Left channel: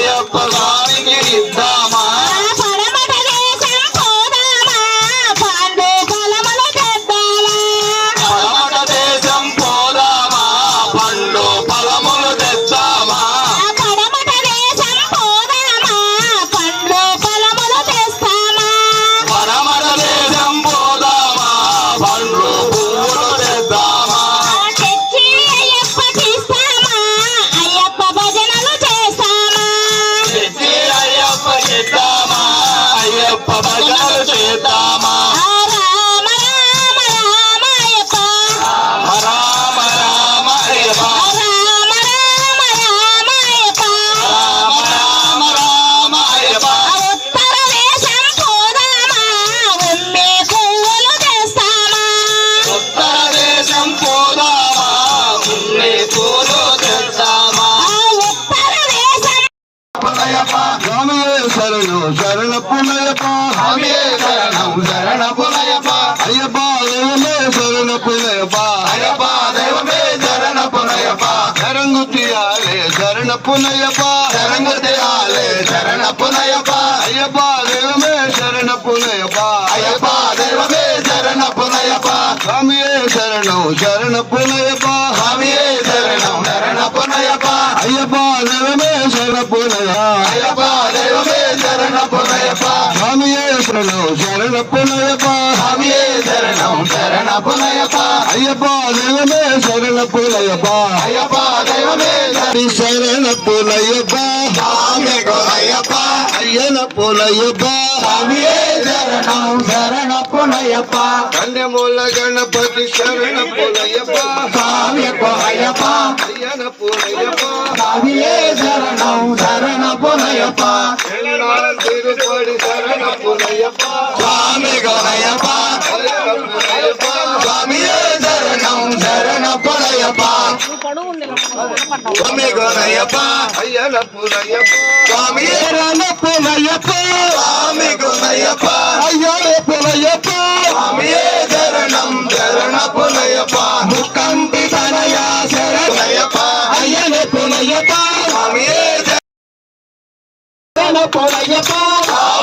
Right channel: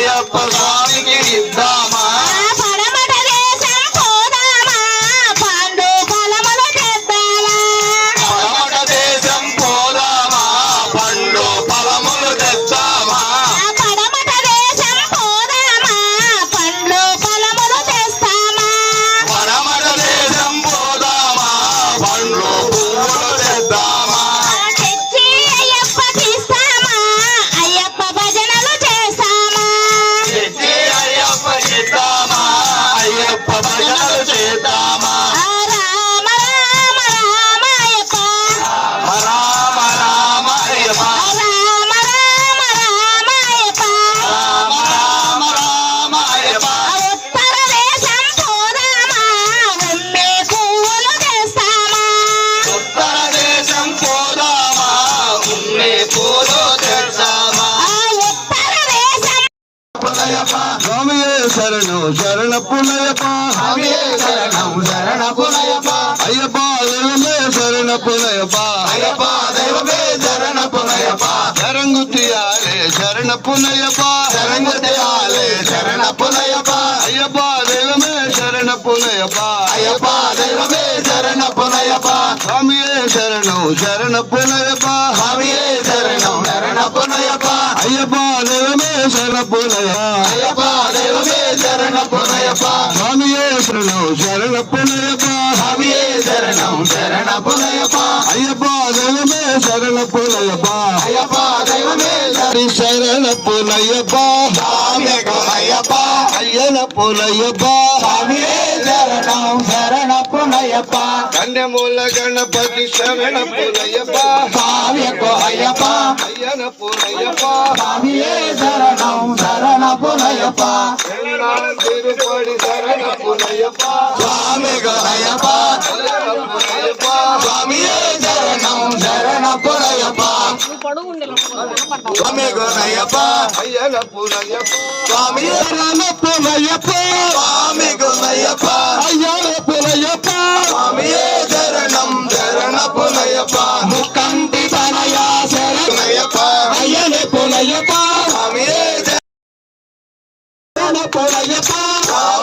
ಅಯ್ಯಪ್ಪ ಸ್ವಾಮಿಗೆ ಇದ್ದ శరణు శరణ పునయప స్వామియే శరణం శరణ పునయప్ప అయ్యప్ప దైవమే శరణ పునయప అయ్యప్ప దైవమే శరణ పునయప్ప శరంగుతియాలే శరణ పునయప శరణగతియాలే శరణ పునయప్ప అయ్యప్ప దైవమే శరణ పునయప అయ్యప్ప దైవమే శరణ పునయప్ప స్వామియే శరణు శరణ పునయప స్వామియే శరణం శరణ పునయప్ప అయ్యప్ప புனயப்பா. சாமியே சரணம் சரண புனயப்பா. சாமியே சரணம் சரண புனயப்பா. ஐயப்பா தெய்வமே சரண புனயப்பா. ஐயப்பா தெய்வமே சரண புனயப்பா. சாமி குனயப்பா ஐயன புனயப்பா. சரணப்பா திருப்படி சரணப்புனையப்பா சுவாமி கணையப்பா சுவாமியே சரணம் சரணப்புனையப்பா சுவாமி குணையப்பா சுவாமியே ரணப்புனையப்பா சுவாமி குணையப்பா ஐயனப்புனையப்பா சுவாமியே சரணம் சரணப்புனையப்பா Kau.